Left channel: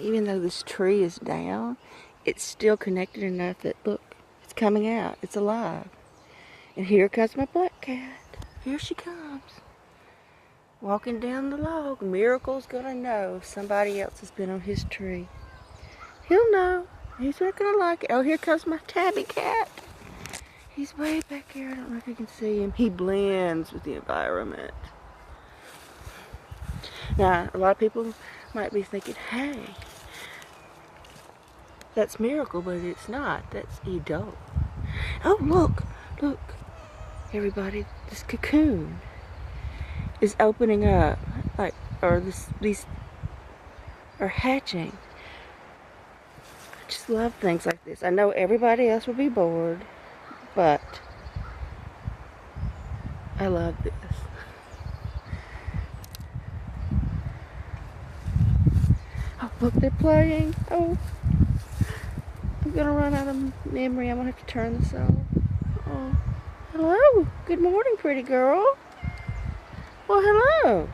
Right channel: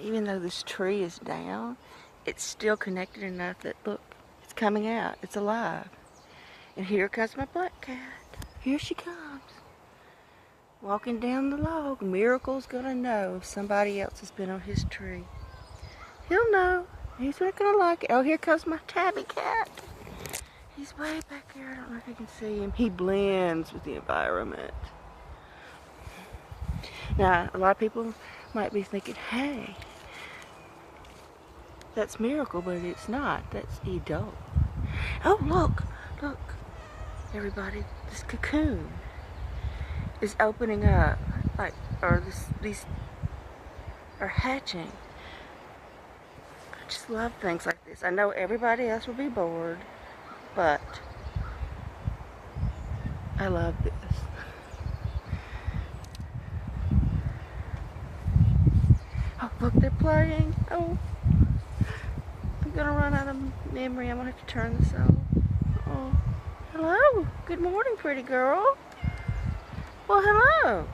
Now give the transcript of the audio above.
even though this tree is down, it's still connected enough that, look, it's coming out. It's alive. And here comes my black cat. Here she comes. Walking down the log. Miracle's gonna know if somebody else has been on his tree. He'll know. He's not gonna like it. Oh, here comes my tabby cat. He's way back here. I don't know if you can see him. He blends with the environment. Now, a lot of people might be thinking, hey, that's Miracle, but it's not. That's Edo. Oh, look. Look. Everybody, this cocoon is opening up. Or these are hatching. I just love things like this. I know everybody else will be bored, but I love this. Oh, look, they're playing. Oh, I'm gonna run out of memory. I'm gonna have to turn this off. Oh, hello. Good morning, pretty girl. Well, hello.